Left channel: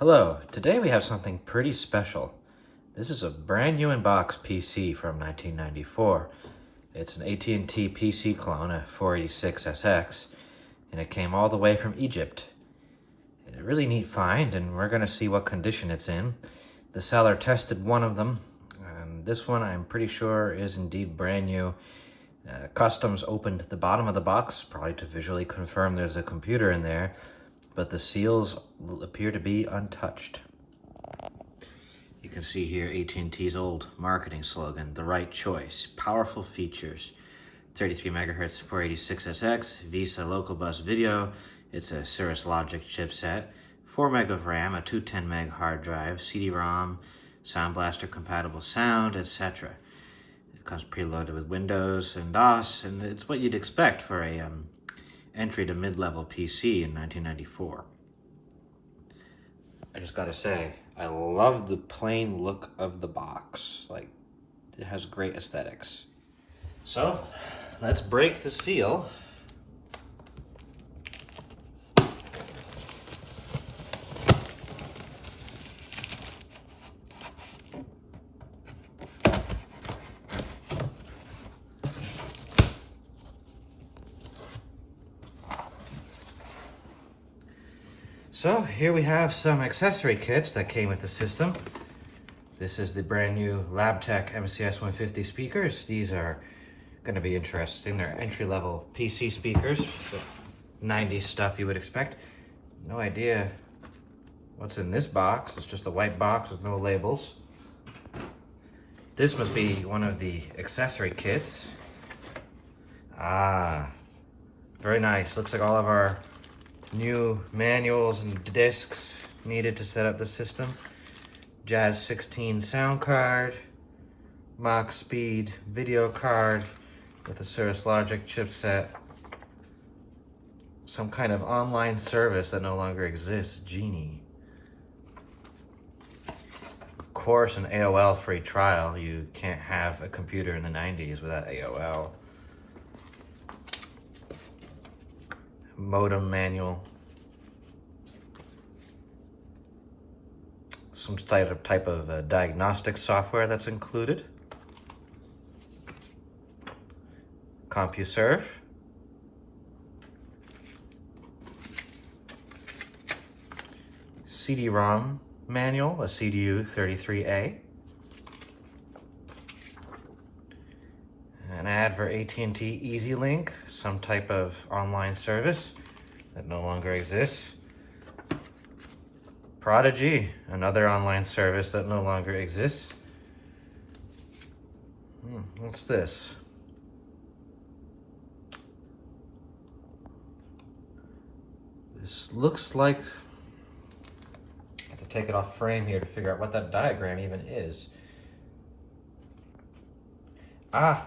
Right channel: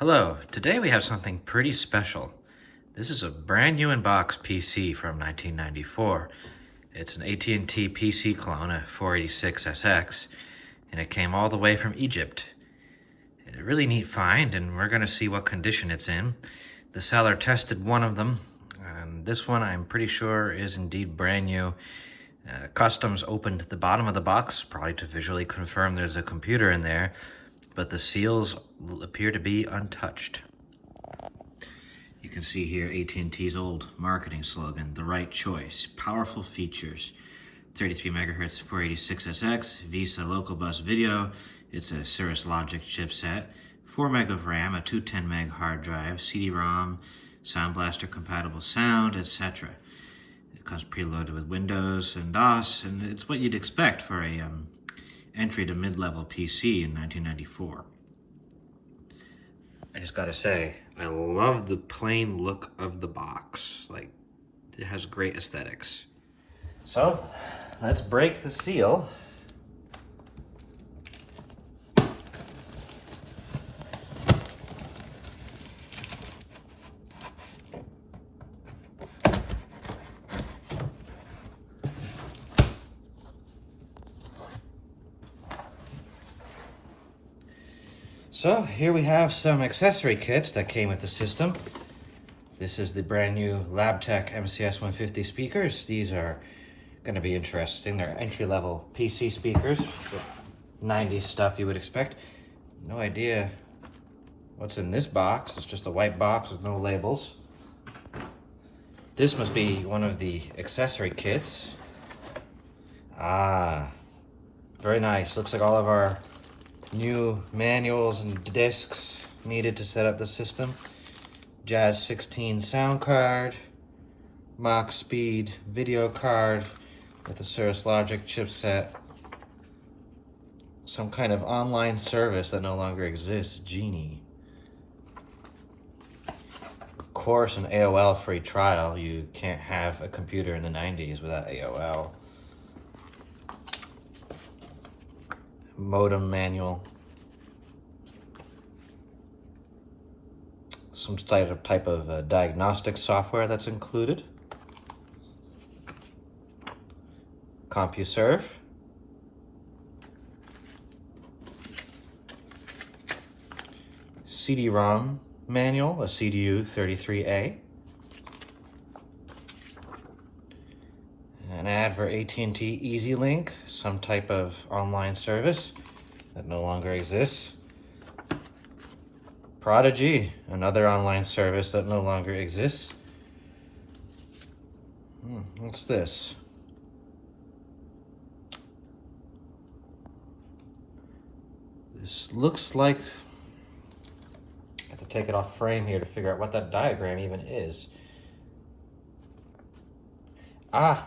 Hello, today we have something pretty special. This is a brand new in-box PC from 1994. It's an AT&T PC clone, a 486SX, and it came all the way from Egypt. A really neat find, and we're going to see what condition it's in. The seller tested one of them, and this one I'm pretty sure is indeed brand new. Customs opened the bottom of the box, probably to visually confirm there's a computer in there, but the seals appear to be untouched. You can see here AT&T's old marketing slogan, the right choice, powerful features, 33 megahertz 486SX, Visa local bus video, it's a Cirrus logic chipset, 4 meg of RAM, a 210 meg hard drive, CD-ROM, Sound Blaster compatible sound, etc. It comes preloaded with Windows and DOS, and it's what you'd expect for a entry to mid-level PC in 1994. I just gotta say, I love the plain look of the box. Like, it has great aesthetics. So, let's break the seal. So here we have some accessory kits that came with the system. This is the brand new LabTech MCS 150 speakers. These are going to be interesting. They're entry-level PC speakers, 90s stuff you would expect. No idea what's in this box. It's just a white box with no labels. This must be one of the accessory kits. Ah, very nice. Looks like all of our new manuals and discs needed to set up the system. Jazz 16 sound card, Mach Speed video card with a Cirrus logic chipset, some kind of online service that no longer exists, Genie. Of course, an AOL free trial. You can't have a computer in the 90s without AOL. Modem manual, some type of diagnostic software that's included, CompuServe, CD-ROM manual, a CDU 33A, an ad for AT&T EasyLink, some type of online service that no longer exists. Prodigy, another online service that no longer exists. What's this? This looks like, I have to take it off frame here to figure out what that diagram even is. Ah,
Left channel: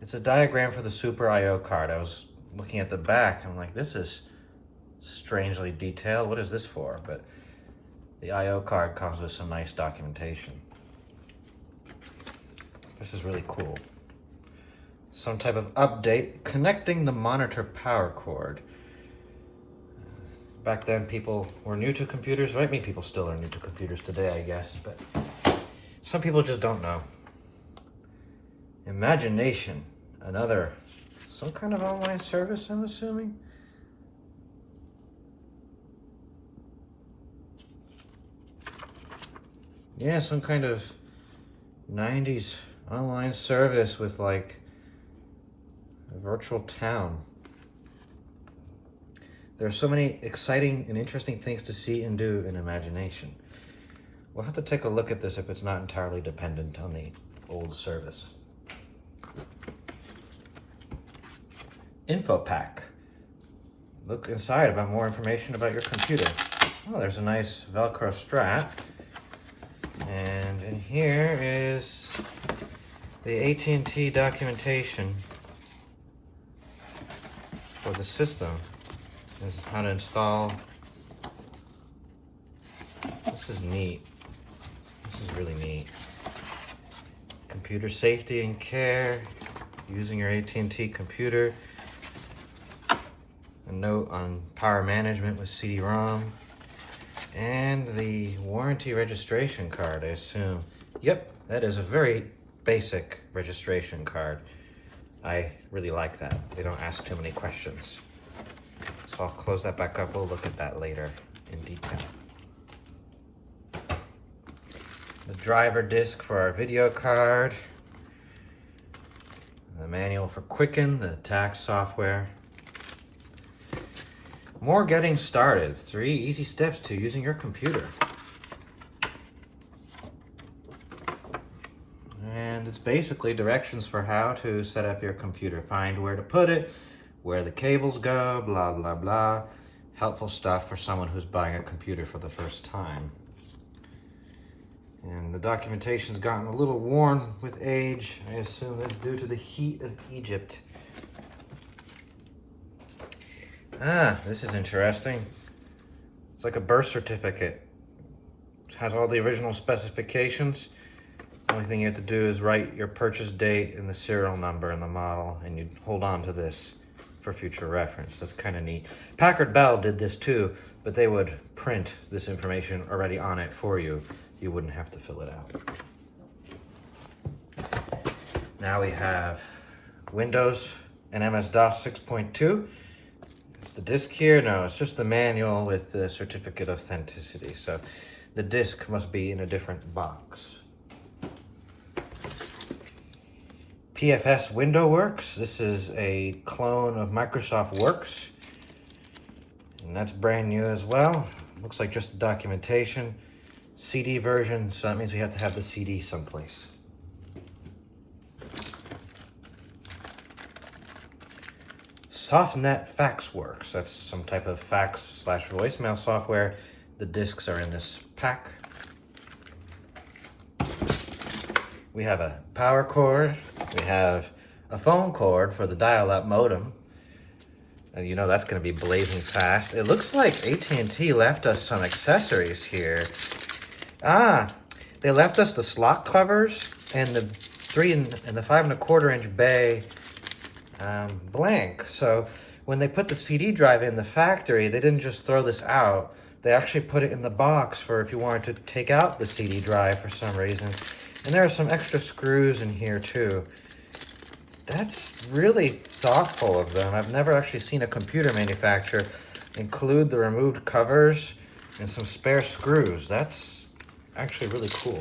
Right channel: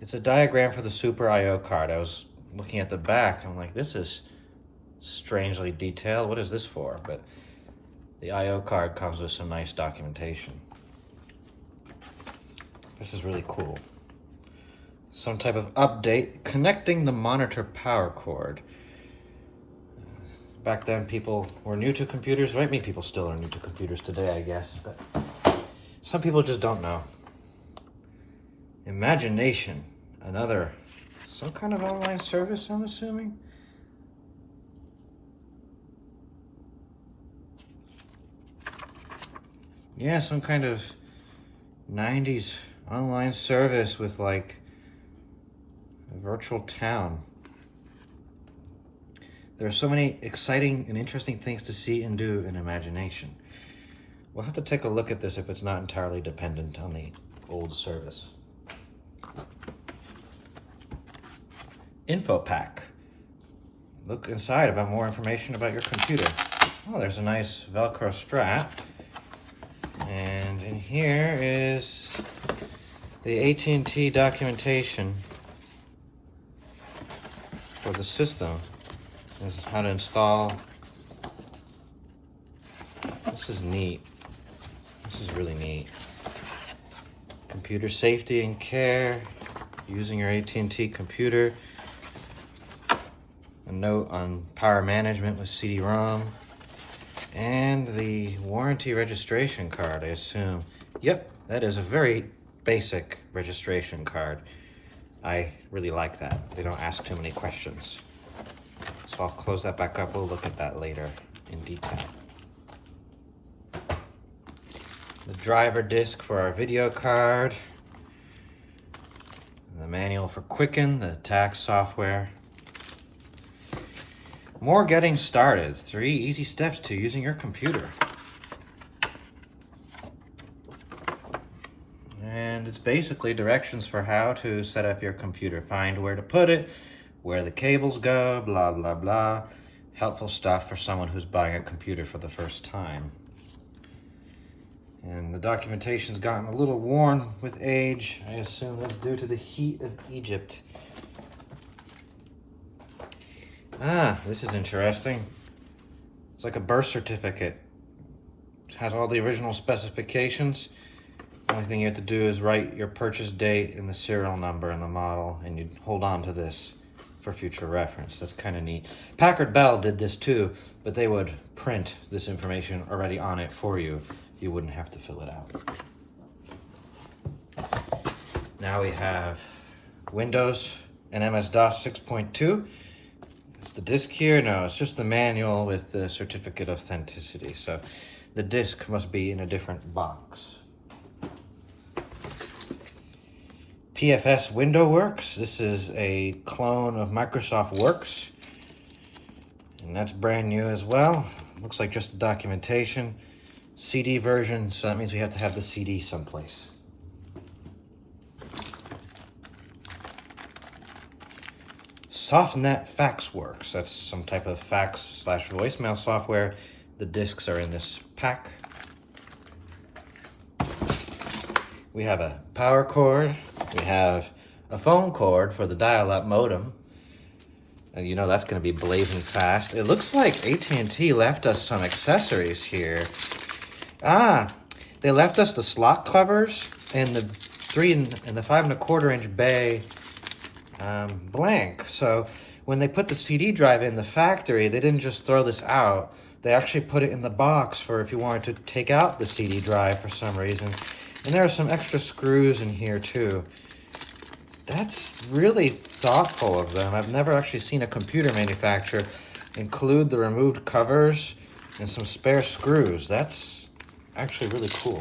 it's a diagram for the Super I/O card. I was looking at the back, I'm like, this is strangely detailed. What is this for? But the I/O card comes with some nice documentation. This is really cool. Some type of update connecting the monitor power cord. Back then people were new to computers, right? I mean, people still are new to computers today, I guess, but some people just don't know. Imagination, some kind of online service, I'm assuming. Yeah, some kind of 90s online service with like a virtual town. There are so many exciting and interesting things to see and do in Imagination. We'll have to take a look at this if it's not entirely dependent on the old service. Info pack. Look inside about more information about your computer. Oh, there's a nice Velcro strap. And in here is the AT&T documentation for the system. This is how to install. This is neat. This is really neat. Computer safety and care, using your AT&T computer. A note on power management with CD-ROM. And the warranty registration card, I assume. Yep, that is a very basic registration card. I really like that. They don't ask too many questions. So I'll close that back up. We'll look at that later in detail. The driver disc for our video card. The manual for Quicken, the tax software. More getting started. 3 easy steps to using your computer. And it's basically directions for how to set up your computer. Find where to put it, where the cables go, blah, blah, blah. Helpful stuff for someone who's buying a computer for the first time. And the documentation's gotten a little worn with age. I assume that's due to the heat of Egypt. Ah, this is interesting. It's like a birth certificate. It has all the original specifications. The only thing you have to do is write your purchase date and the serial number and the model, and you hold on to this for future reference. That's kind of neat. Packard Bell did this too, but they would print this information already on it for you. You wouldn't have to fill it out. Now we have Windows and MS-DOS 6.2. It's the disc here. No, it's just the manual with the certificate of authenticity. So the disc must be in a different box. PFS Window Works. This is a clone of Microsoft Works. And that's brand new as well. Looks like just the documentation. CD version, so that means we have to have the CD someplace. SoftNet FaxWorks. That's some type of fax/voicemail software. The discs are in this pack. We have a power cord. We have a phone cord for the dial-up modem. And you know that's going to be blazing fast. It looks like AT&T left us some accessories here. Ah, they left us the slot covers and the 3 and the 5 1/4 inch bay blank. So when they put the CD drive in the factory, they didn't just throw this out. They actually put it in the box for if you wanted to take out the CD drive for some reason. And there are some extra screws in here too. That's really thoughtful of them. I've never actually seen a computer manufacturer include the removed covers and some spare screws. That's actually really cool.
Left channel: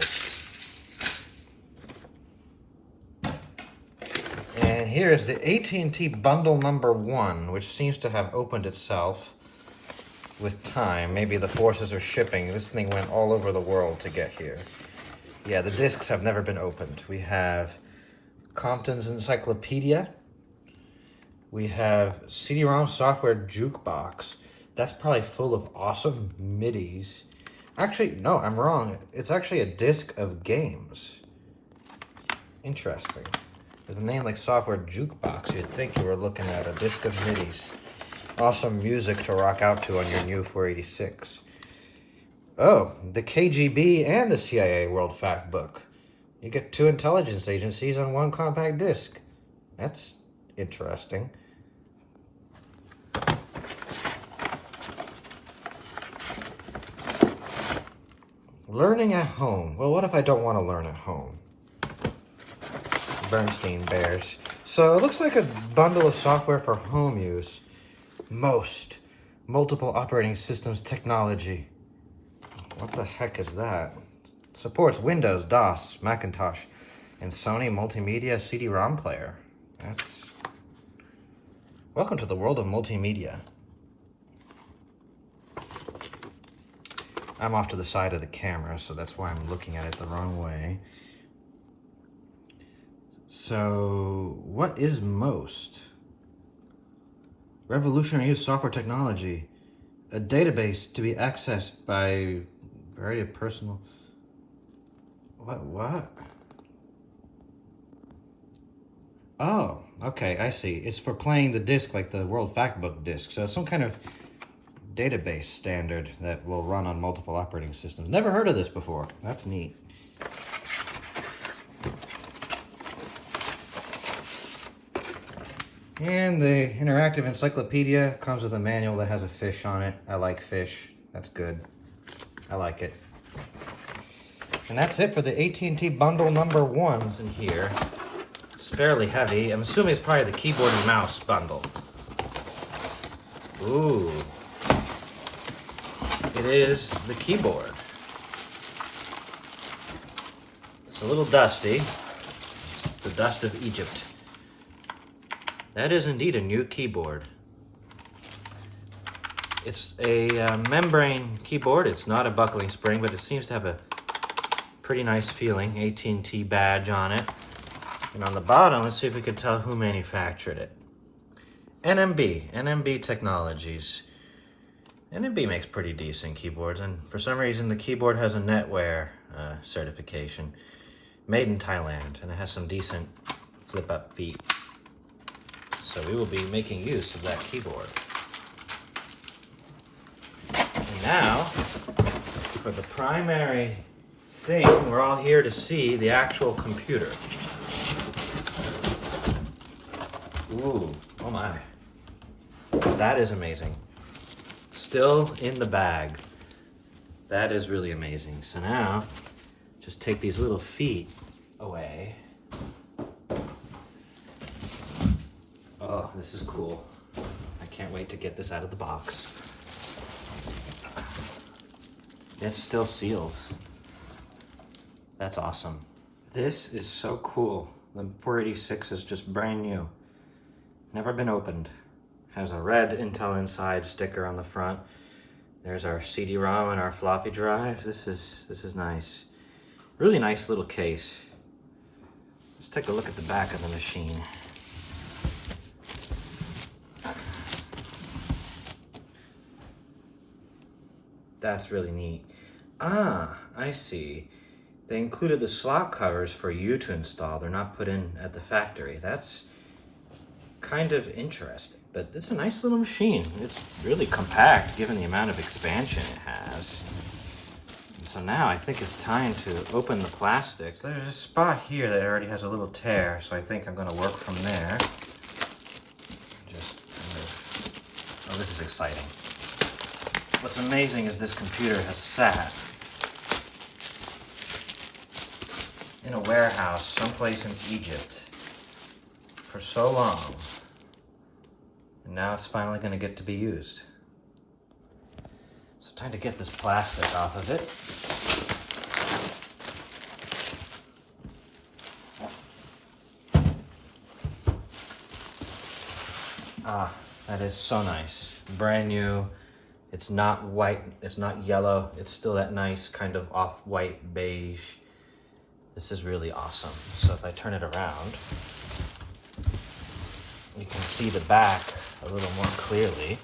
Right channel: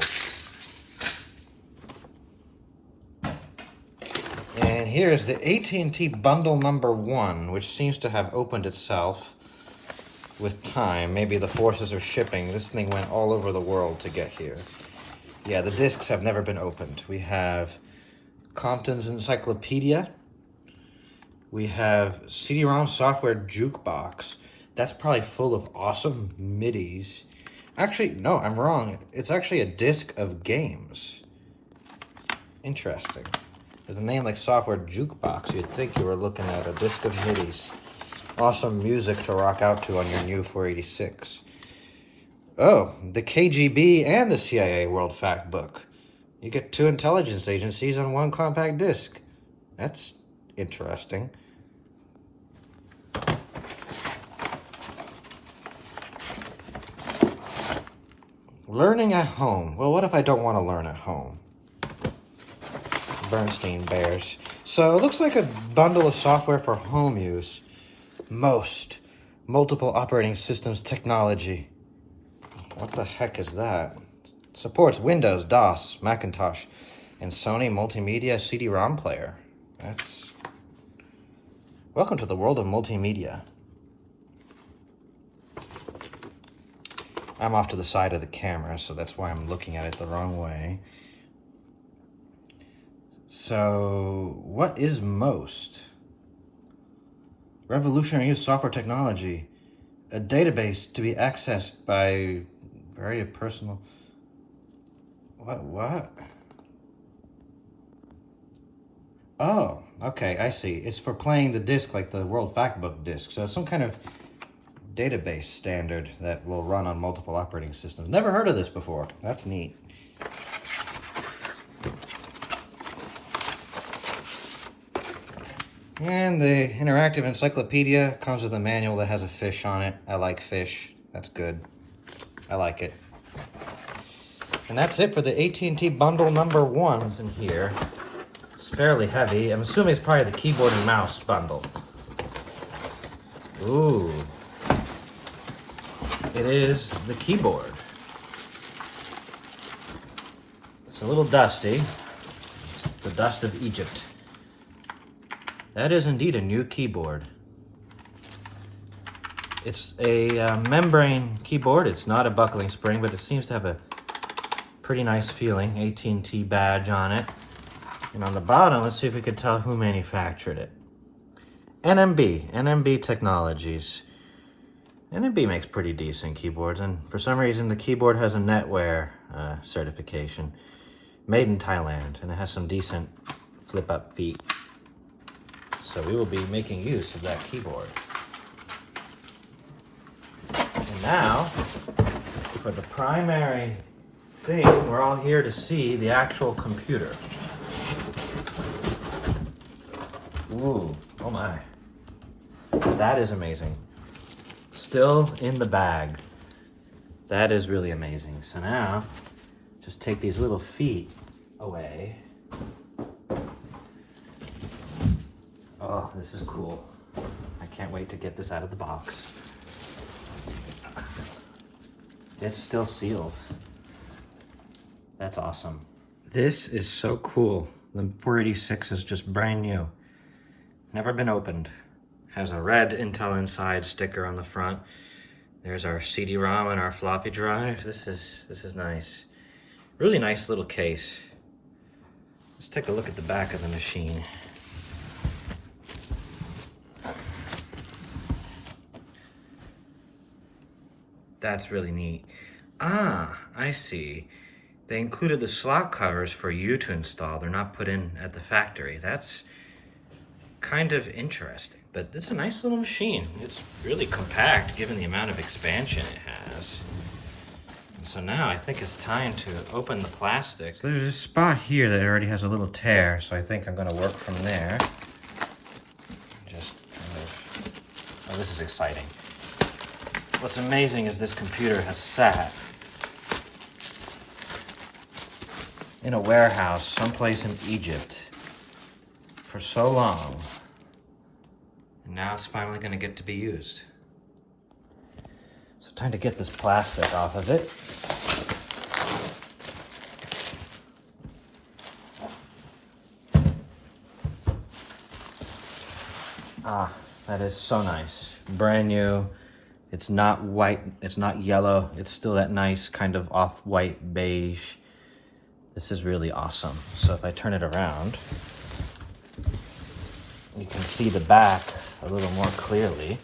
And here is the AT&T bundle number 1, which seems to have opened itself with time. Maybe the forces are shipping. This thing went all over the world to get here. Yeah, the discs have never been opened. We have Compton's Encyclopedia. We have CD-ROM software jukebox. That's probably full of awesome MIDIs. Actually, no, I'm wrong. It's actually a disc of games. Interesting. With a name like software jukebox, you'd think you were looking at a disc of MIDIs. Awesome music to rock out to on your new 486. Oh, the KGB and the CIA World Fact Book. You get 2 intelligence agencies on 1 compact disc. That's interesting. Learning at home. Well, what if I don't want to learn at home? Bernstein Bears. So it looks like a bundle of software for home use. Multiple operating systems technology. What the heck is that? Supports Windows, DOS, Macintosh, and Sony Multimedia CD-ROM player. That's... Welcome to the world of multimedia. I'm off to the side of the camera, so that's why I'm looking at it the wrong way. So, what is most? Revolutionary software technology. A database to be accessed by a variety of personal... What? Oh, okay, I see. It's for playing the disc like the World Factbook disc. So some kind of database standard that will run on multiple operating systems. Never heard of this before. That's neat. And the interactive encyclopedia comes with a manual that has a fish on it. I like fish. That's good. I like it. And that's it for the AT&T bundle number 1's in here. It's fairly heavy. I'm assuming it's probably the keyboard and mouse bundle. Ooh. It is the keyboard. It's a little dusty. It's the dust of Egypt. That is indeed a new keyboard. It's a membrane keyboard. It's not a buckling spring, but it seems to have a pretty nice feeling. AT&T badge on it. And on the bottom, let's see if we can tell who manufactured it. NMB Technologies. NMB makes pretty decent keyboards, and for some reason the keyboard has a netwear certification. Made in Thailand, and it has some decent flip-up feet. So we will be making use of that keyboard. And now, for the primary thing, we're all here to see the actual computer. Ooh, oh my. That is amazing. Still in the bag. That is really amazing. So now, just take these little feet away. Oh, this is cool. I can't wait to get this out of the box. It's still sealed. That's awesome. This is so cool. The 486 is just brand new. Never been opened. Has a red Intel Inside sticker on the front. There's our CD-ROM and our floppy drive. This is nice. Really nice little case. Let's take a look at the back of the machine. That's really neat. Ah, I see. They included the slot covers for you to install. They're not put in at the factory. That's kind of interesting, but it's a nice little machine. It's really compact given the amount of expansion it has. And so now I think it's time to open the plastic. So there's a spot here that already has a little tear, so I think I'm gonna work from there. Just kind of, oh, this is exciting. What's amazing is this computer has sat in a warehouse someplace in Egypt for so long, and now it's finally going to get to be used. So time to get this plastic off of it. Ah, that is so nice. Brand new. It's not white, it's not yellow. It's still that nice kind of off-white beige. This is really awesome. So if I turn it around, you can see the back a little more clearly.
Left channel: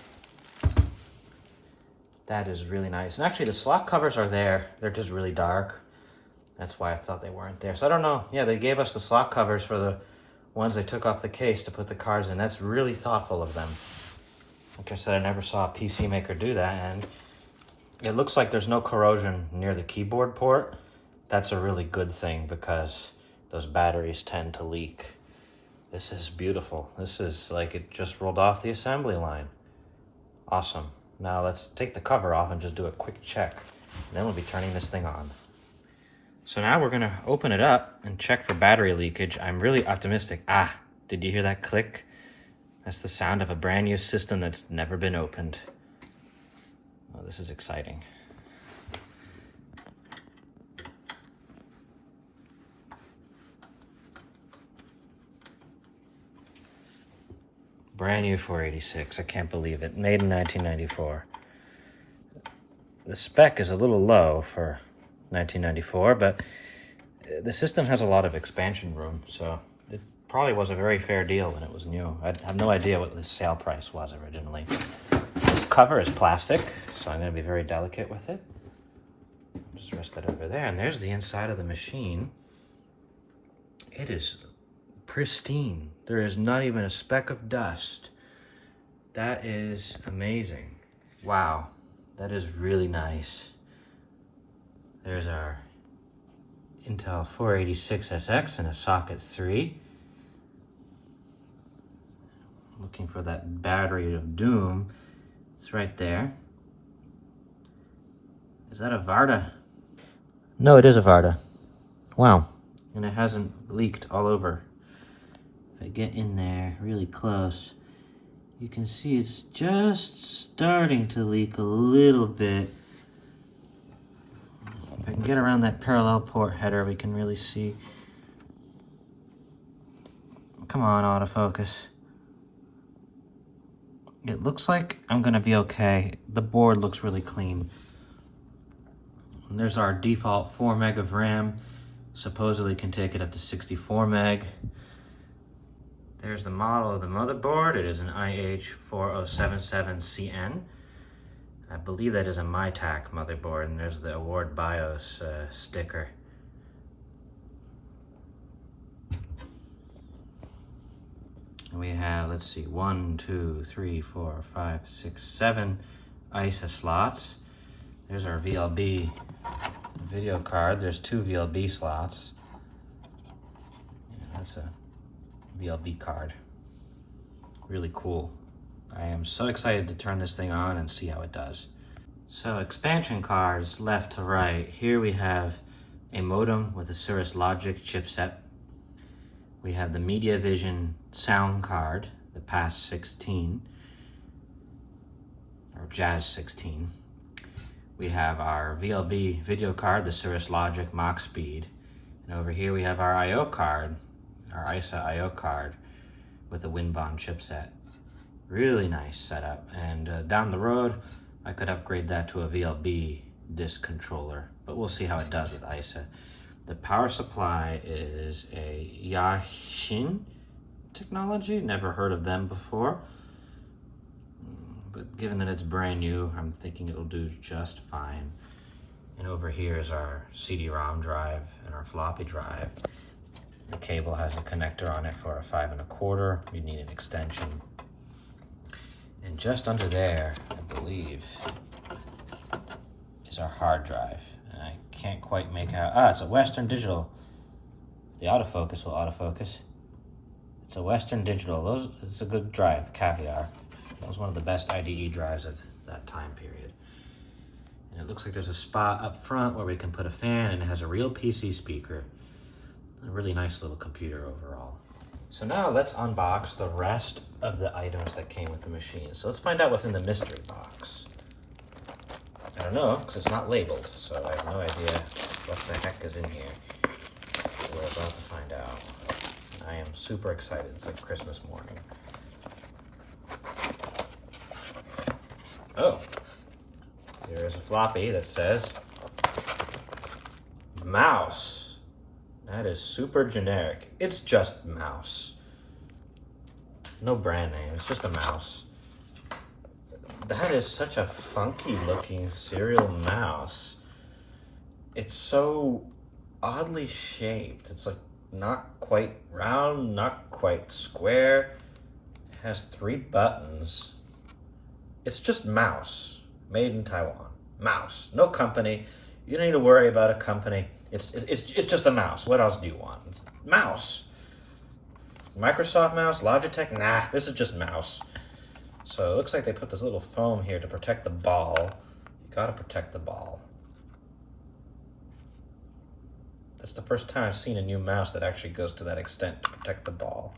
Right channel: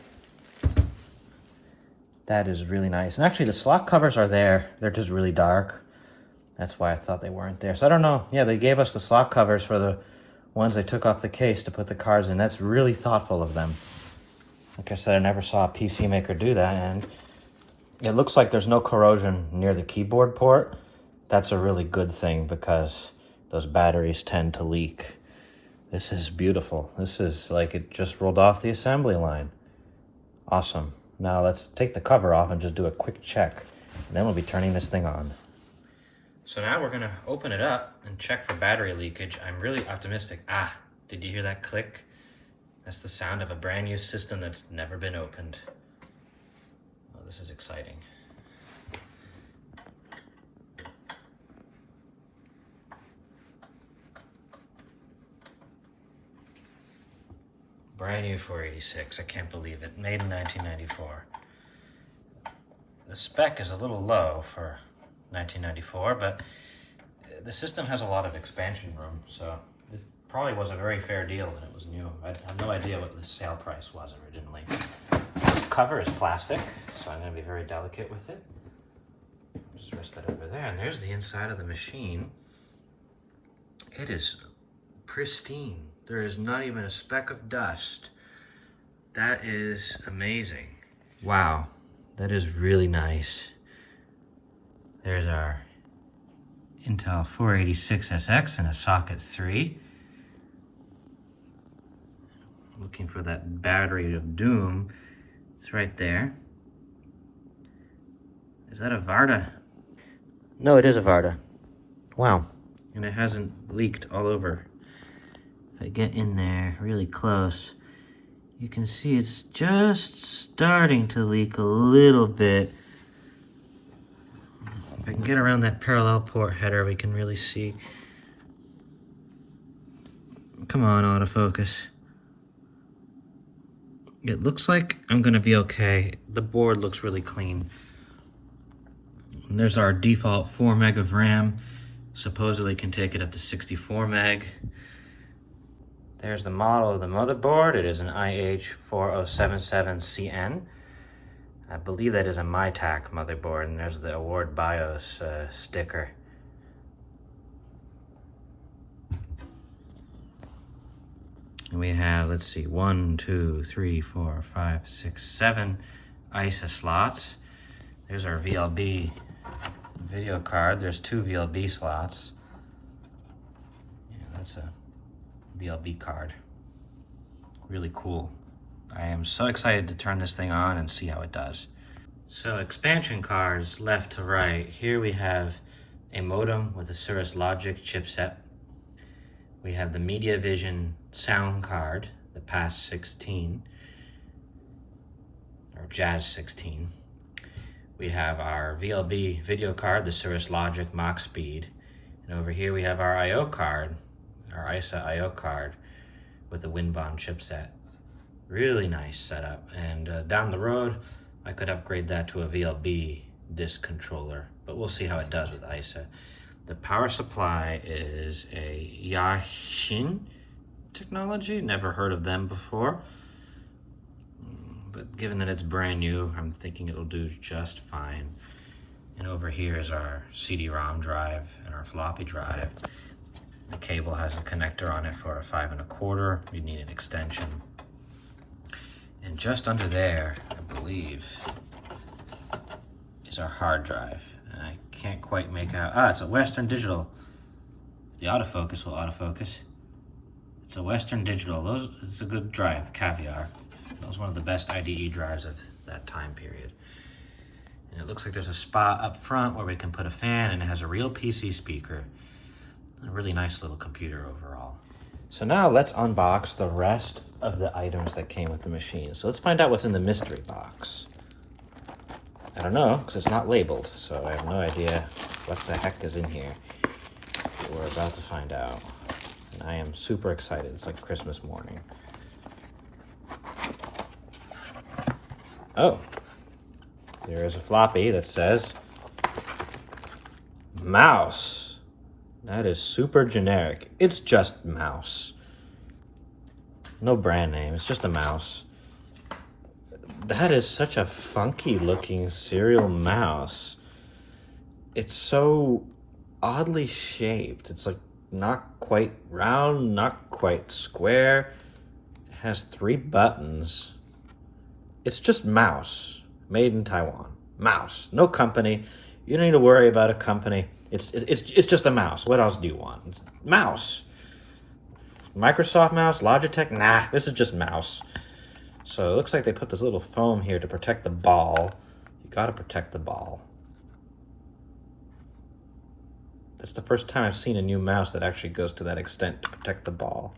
That is really nice. And actually the slot covers are there. They're just really dark. That's why I thought they weren't there. So I don't know. Yeah, they gave us the slot covers for the ones they took off the case to put the cards in. That's really thoughtful of them. Like I said, I never saw a PC maker do that, and it looks like there's no corrosion near the keyboard port. That's a really good thing because those batteries tend to leak. This is beautiful. This is like it just rolled off the assembly line. Awesome. Now let's take the cover off and just do a quick check. And then we'll be turning this thing on. So now we're gonna open it up and check for battery leakage. I'm really optimistic. Ah, did you hear that click? That's the sound of a brand new system that's never been opened. Oh, this is exciting. Brand new 486, I can't believe it. Made in 1994. The spec is a little low for 1994, but the system has a lot of expansion room, so it probably was a very fair deal when it was new. I have no idea what the sale price was originally. This cover is plastic, so I'm going to be very delicate with it. Just rest it over there, and there's the inside of the machine. It is pristine. There is not even a speck of dust. That is amazing. Wow, that is really nice. There's our Intel 486SX and a socket 3. Looking for that battery of doom. It's right there. Is that a Varda? No, it is a Varda. Wow. And it hasn't leaked all over. If I get in there really close, you can see it's just starting to leak a little bit. If I can get around that parallel port header, we can really see. Come on, autofocus. It looks like I'm gonna be okay. The board looks really clean. And there's our default 4 meg of RAM. Supposedly can take it up to 64 meg. There's the model of the motherboard. It is an IH4077CN. I believe that is a Mitac motherboard, and there's the Award BIOS sticker. And we have, let's see, 1, 2, 3, 4, 5, 6, 7 ISA slots. There's our VLB video card. There's 2 VLB slots. Yeah, that's a VLB card. Really cool. I am so excited to turn this thing on and see how it does. So expansion cards left to right. Here we have a modem with a Cirrus Logic chipset. We have the MediaVision sound card, the PAS 16, or Jazz 16. We have our VLB video card, the Cirrus Logic Mach Speed. And over here we have our I/O card, our ISA I/O card with the Winbond chipset. Really nice setup. And down the road, I could upgrade that to a VLB disk controller, but we'll see how it does with ISA. The power supply is a Yashin technology. Never heard of them before. But given that it's brand new, I'm thinking it'll do just fine. And over here is our CD-ROM drive and our floppy drive. The cable has a connector on it for a 5 1/4. You need an extension. And just under there, I believe, is our hard drive. And I can't quite make out, it's a Western Digital. The autofocus will autofocus. It's a Western Digital. It's a good drive, Caviar. That was one of the best IDE drives of that time period. And it looks like there's a spot up front where we can put a fan, and it has a real PC speaker. A really nice little computer overall. So now let's unbox the rest of the items that came with the machine. So let's find out what's in the mystery box. I don't know, because it's not labeled, so I have no idea what the heck is in here. But we're about to find out. And I am super excited. It's like Christmas morning. Oh, there is a floppy that says mouse. That is super generic. It's just mouse. No brand name, it's just a mouse. That is such a funky looking serial mouse. It's so oddly shaped. It's like not quite round, not quite square. It has 3 buttons. It's just mouse, made in Taiwan. Mouse, no company. You don't need to worry about a company. It's just a mouse. What else do you want? Mouse. Microsoft mouse, Logitech, nah, this is just mouse. So it looks like they put this little foam here to protect the ball. You gotta protect the ball. That's the first time I've seen a new mouse that actually goes to that extent to protect the ball.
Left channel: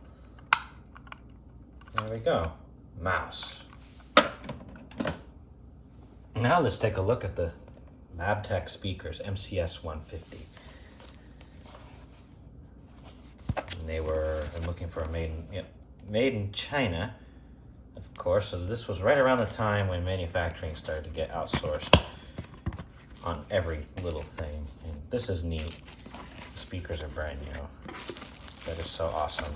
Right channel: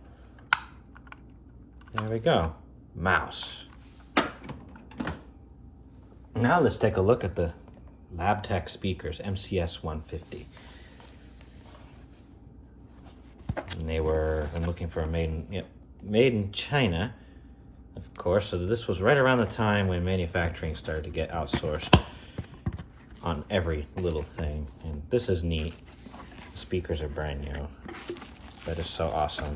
There we go, mouse. Now let's take a look at the LabTech speakers, MCS 150. And I'm looking for a made in China, of course. So this was right around the time when manufacturing started to get outsourced on every little thing. And this is neat. The speakers are brand new. That is so awesome.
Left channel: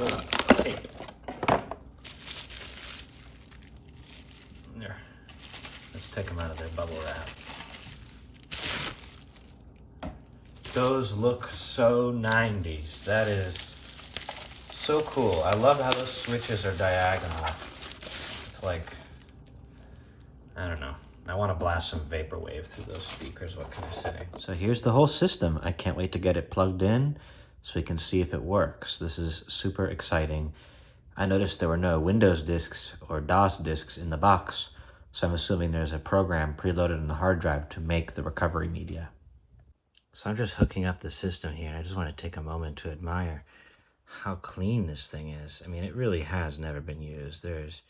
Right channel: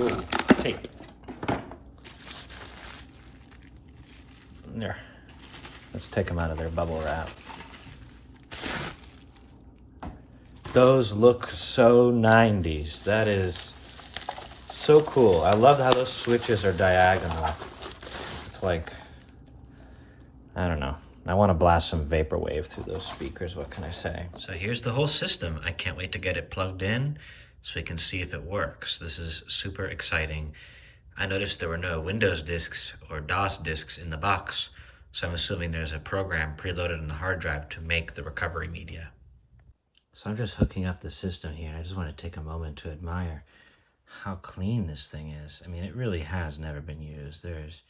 Ooh, tape. There. Let's take them out of their bubble wrap. Those look so 90s. That is so cool. I love how those switches are diagonal. It's like, I don't know. I want to blast some vaporwave through those speakers. What can I say? So here's the whole system. I can't wait to get it plugged in so we can see if it works. This is super exciting. I noticed there were no Windows disks or DOS disks in the box, so I'm assuming there's a program preloaded in the hard drive to make the recovery media. So I'm just hooking up the system here. I just want to take a moment to admire how clean this thing is. I mean, it really has never been used. There's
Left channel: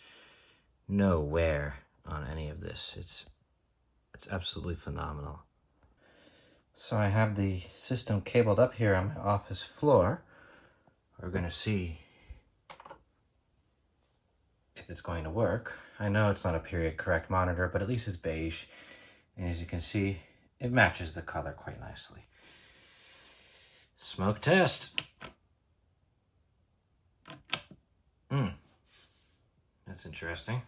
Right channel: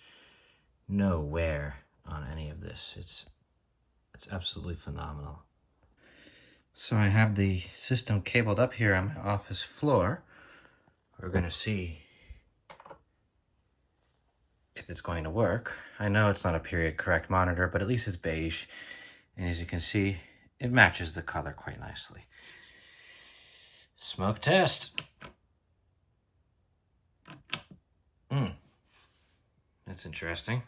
no wear on any of this. It's absolutely phenomenal. So I have the system cabled up here on my office floor. We're going to see if it's going to work. I know it's not a period correct monitor, but at least it's beige. And as you can see, it matches the color quite nicely. Smoke test. That's interesting.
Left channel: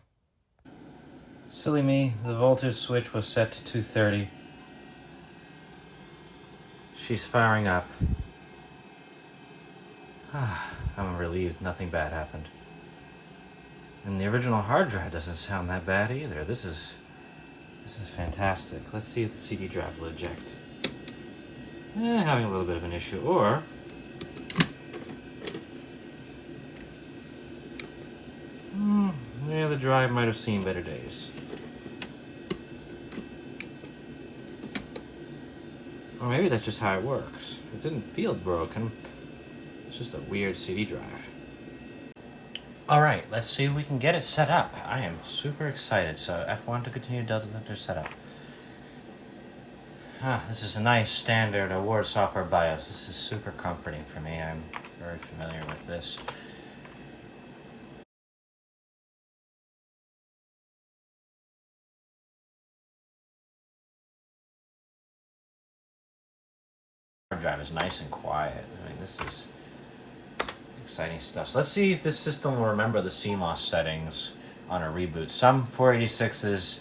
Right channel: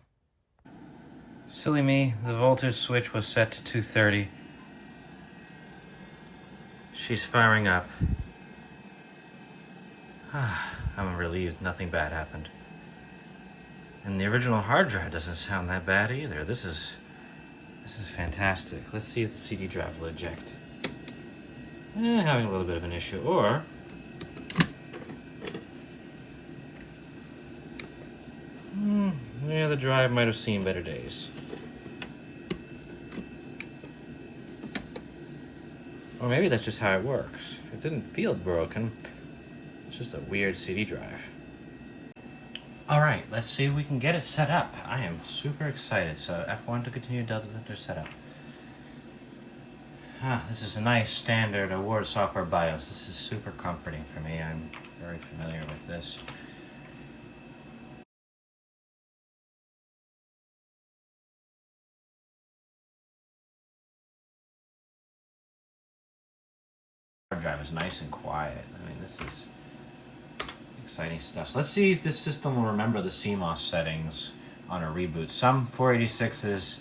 Silly me, the voltage switch was set to 230. She's firing up. I'm relieved nothing bad happened. And the original hard drive doesn't sound that bad either. This is fantastic. Let's see if the CD drive will eject. Having a little bit of an issue. Or yeah, the drive might have seen better days. Or maybe that's just how it works. It didn't feel broken. It's just a weird CD drive. All right, let's see if we can get it set up. I am super excited. So F1 to continue Delta Vector setup. This is a nice standard award software BIOS. This is super comforting for me. I'm very familiar with this. Hard drive is nice and quiet. I mean, this is exciting stuff. So let's see if this system will remember the CMOS settings on a reboot. Some 486s,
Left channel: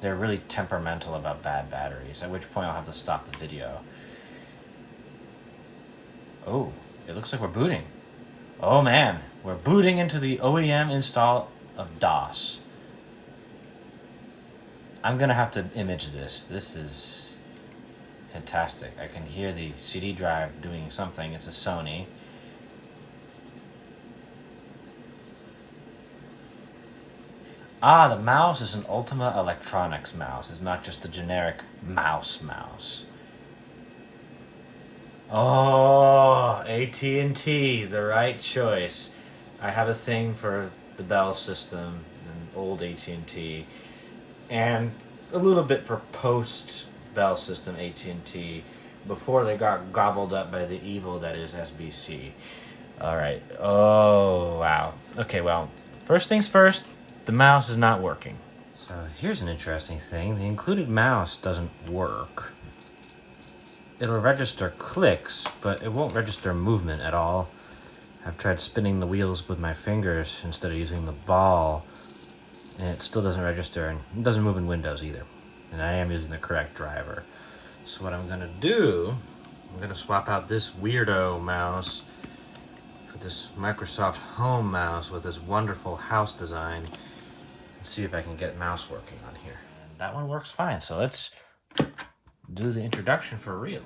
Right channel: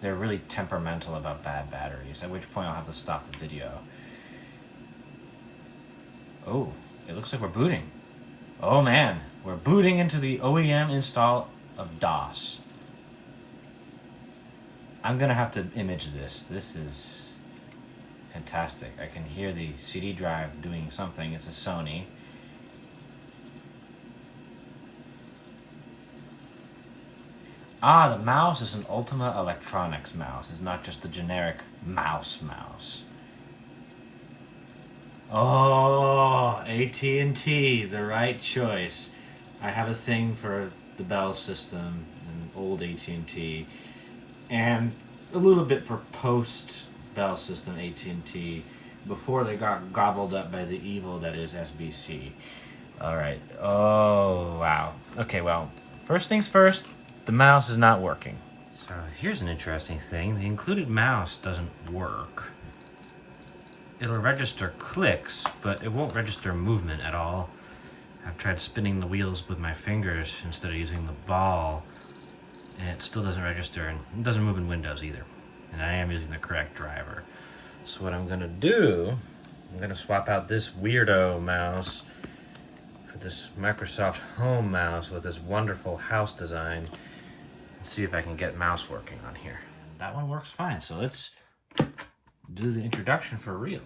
they're really temperamental about bad batteries, at which point I'll have to stop the video. Oh, it looks like we're booting. Oh man, we're booting into the OEM install of DOS. I'm gonna have to image this. This is fantastic. I can hear the CD drive doing something. It's a Sony. The mouse is an Ultima Electronics mouse. It's not just a generic mouse. Oh, AT&T, the right choice. I have a thing for the Bell system and old AT&T, and a little bit for post-Bell system AT&T, before they got gobbled up by the evil that is SBC. All right. Oh, wow. Okay, well, first things first. The mouse is not working. So here's an interesting thing. The included mouse doesn't work. It'll register clicks, but it won't register movement at all. I've tried spinning the wheels with my fingers instead of using the ball, and it still doesn't register, and it doesn't move in Windows either. And I am using the correct driver. So what I'm gonna do, I'm gonna swap out this weirdo mouse for this Microsoft Home mouse with this wonderful house design. See if I can get mouse working on here. And that one works fine, so let's do the introduction for real.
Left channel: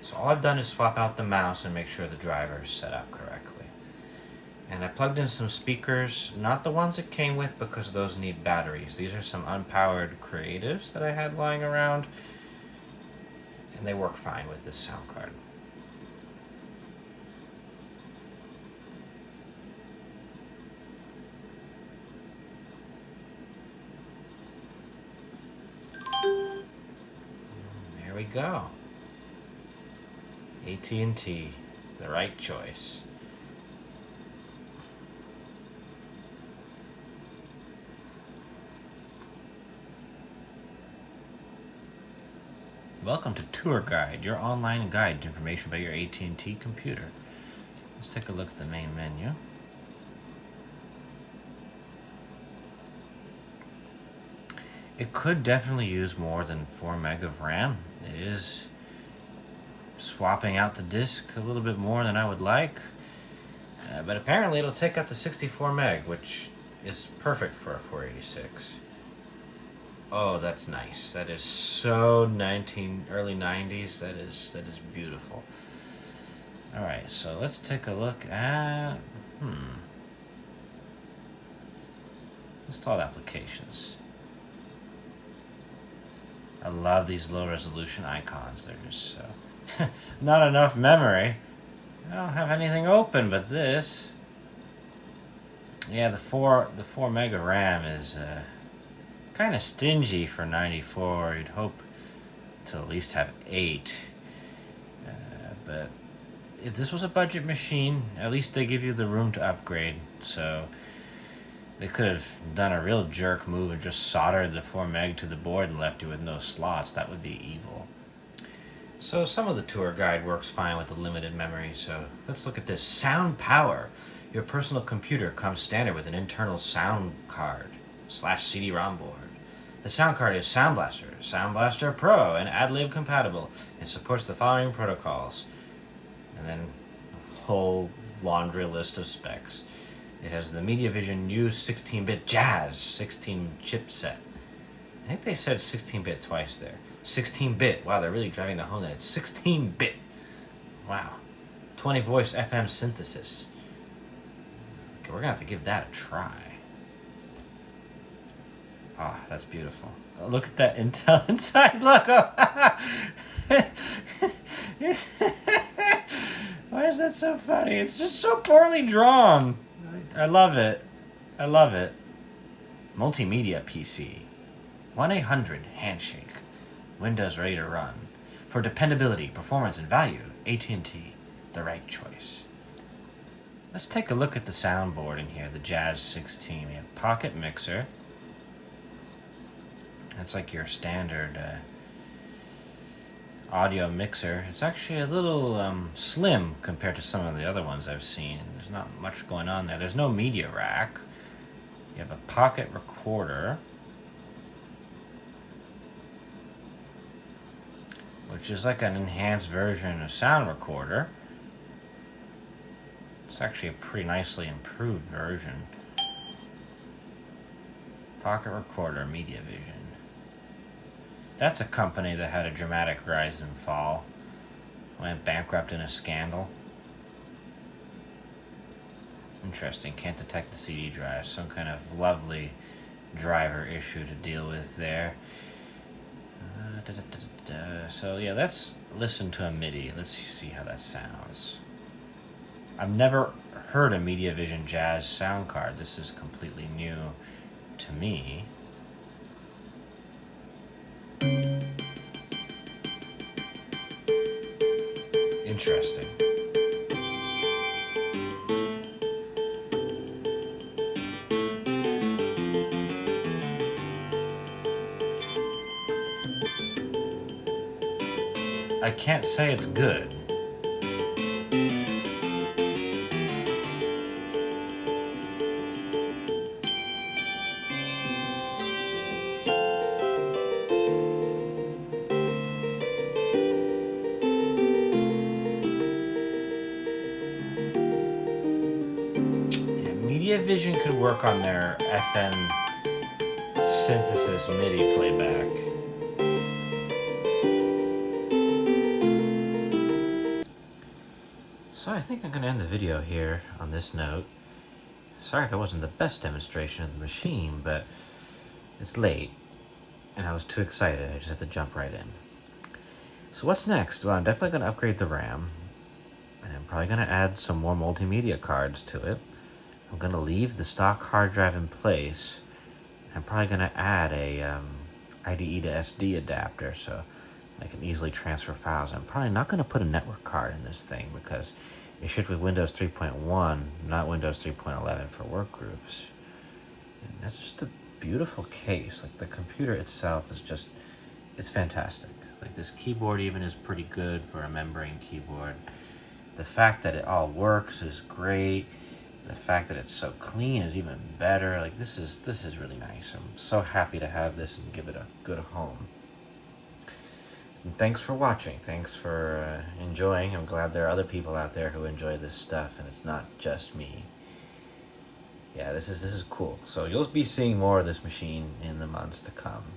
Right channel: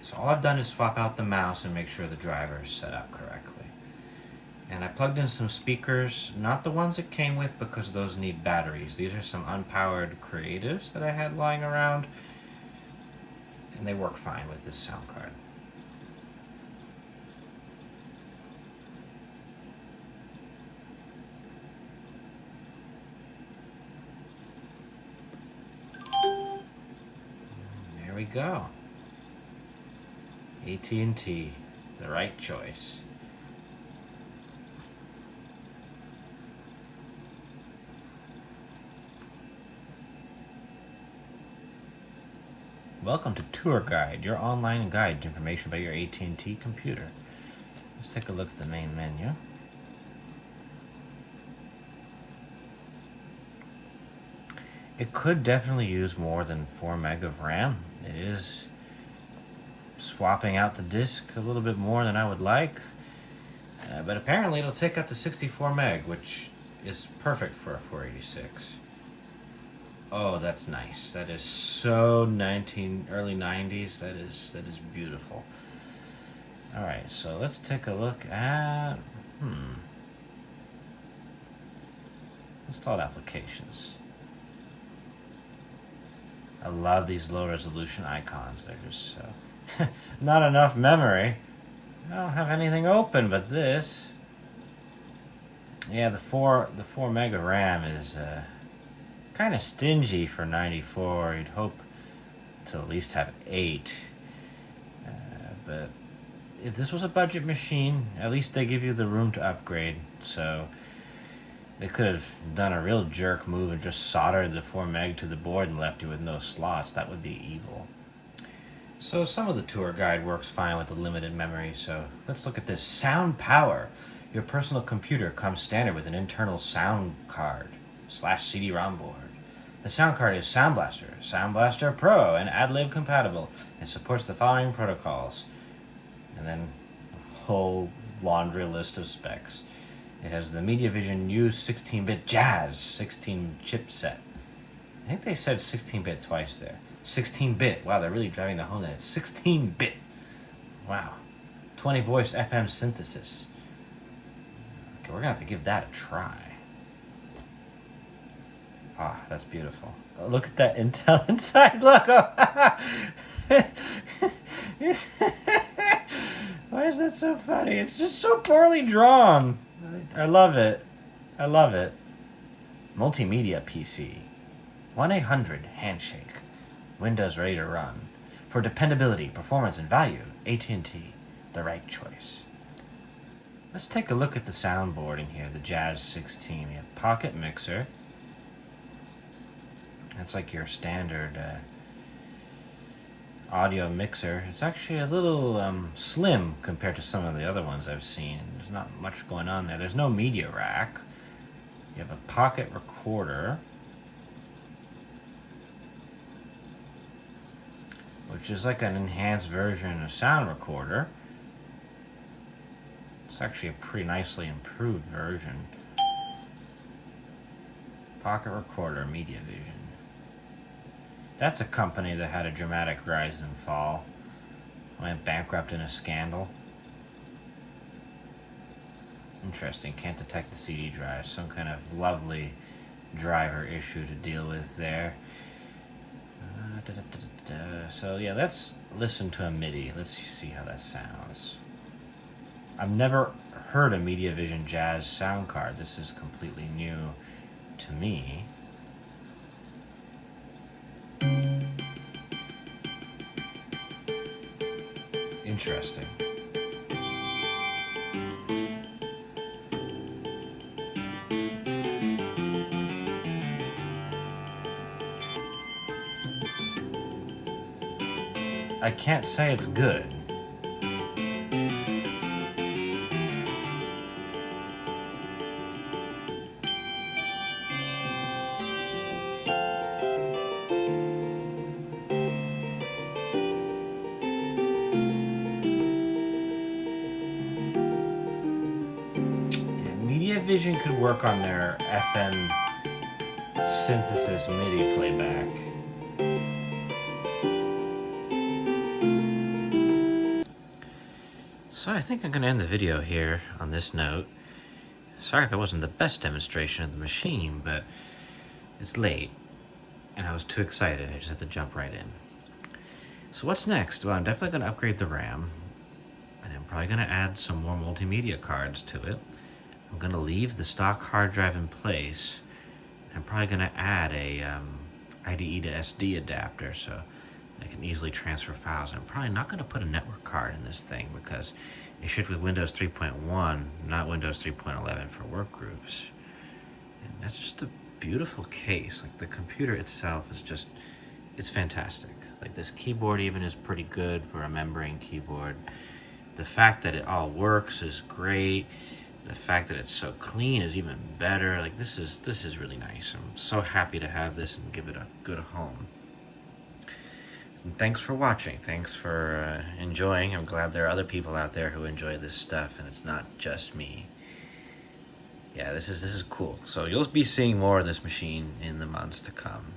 So all I've done is swap out the mouse and make sure the driver is set up correctly. And I plugged in some speakers, not the ones it came with because those need batteries. These are some unpowered Creatives that I had lying around, and they work fine with this sound card. There we go. AT&T, the right choice. Welcome to Tour Guide, your online guide to information about your AT&T computer. Let's take a look at the main menu. It could definitely use more than 4 meg of RAM. It is swapping out the disk a little bit more than I would like. But apparently it'll take up to 64 meg, which is perfect for a 486. Oh, that's nice. That is so early 90s. That is beautiful. All right, so let's take a look at installed applications. I love these low resolution icons. They're just so not enough memory. I don't have anything open but this. Yeah, the 4 meg of RAM is kind of stingy for 94. You'd hope to at least have 8. But if this was a budget machine, at least they give you the room to upgrade. So they could have done a real jerk move and just soldered the 4 meg to the board and left you with no slots. That would be evil. So some of the tour guide works fine with the limited memory. So let's look at this. Sound power. Your personal computer comes standard with an internal sound card / CD-ROM board. The sound card is Sound Blaster, Sound Blaster Pro, and AdLib compatible. It supports the following protocols. And then a whole laundry list of specs. It has the MediaVision U 16-bit Jazz 16 chipset. I think they said 16-bit twice there. 16-bit. Wow, they're really driving the home that it's 16-bit. Wow. 20 voice FM synthesis. Okay, we're going to have to give that a try. Ah, that's beautiful. Oh, look at that Intel inside. Look. Why is that so funny? It's just so poorly drawn. I love it. I love it. Multimedia PC. 1-800 handshake. Windows ready to run. For dependability, performance, and value, AT&T, the right choice. Let's take a look at the soundboard in here, the Jazz 16. We have pocket mixer. That's like your standard audio mixer. It's actually a little slim compared to some of the other ones I've seen. There's not much going on there. There's no media rack. You have a pocket recorder, which is like an enhanced version of sound recorder. It's actually a pretty nicely improved version. Pocket recorder, MediaVision. That's a company that had a dramatic rise and fall. Went bankrupt in a scandal. Interesting. Can't detect the CD drive. Some kind of lovely driver issue to deal with there. So yeah, let's listen to a MIDI. Let's see how that sounds. I've never heard a MediaVision Jazz sound card. This is completely new to me. Interesting. I can't say it's good. MediaVision could work on their FM synthesis MIDI playback. So I think I'm going to end the video here on this note. Sorry if it wasn't the best demonstration of the machine, but it's late and I was too excited. I just had to jump right in. So what's next? Well, I'm definitely going to upgrade the RAM, and I'm probably going to add some more multimedia cards to it. I'm going to leave the stock hard drive in place. I'm probably going to add a IDE to SD adapter so I can easily transfer files. I'm probably not going to put a network card in this thing because it shipped with Windows 3.1, not Windows 3.11 for work groups. And that's just a beautiful case. Like the computer itself is just, it's fantastic. Like this keyboard even is pretty good for a membrane keyboard. The fact that it all works is great. The fact that it's so clean is even better. Like this is really nice. I'm so happy to have this and give it a good home. And thanks for watching. Thanks for enjoying. I'm glad there are other people out there who enjoy this stuff, and it's not just me. Yeah, this is cool. So you'll be seeing more of this machine in the months to come.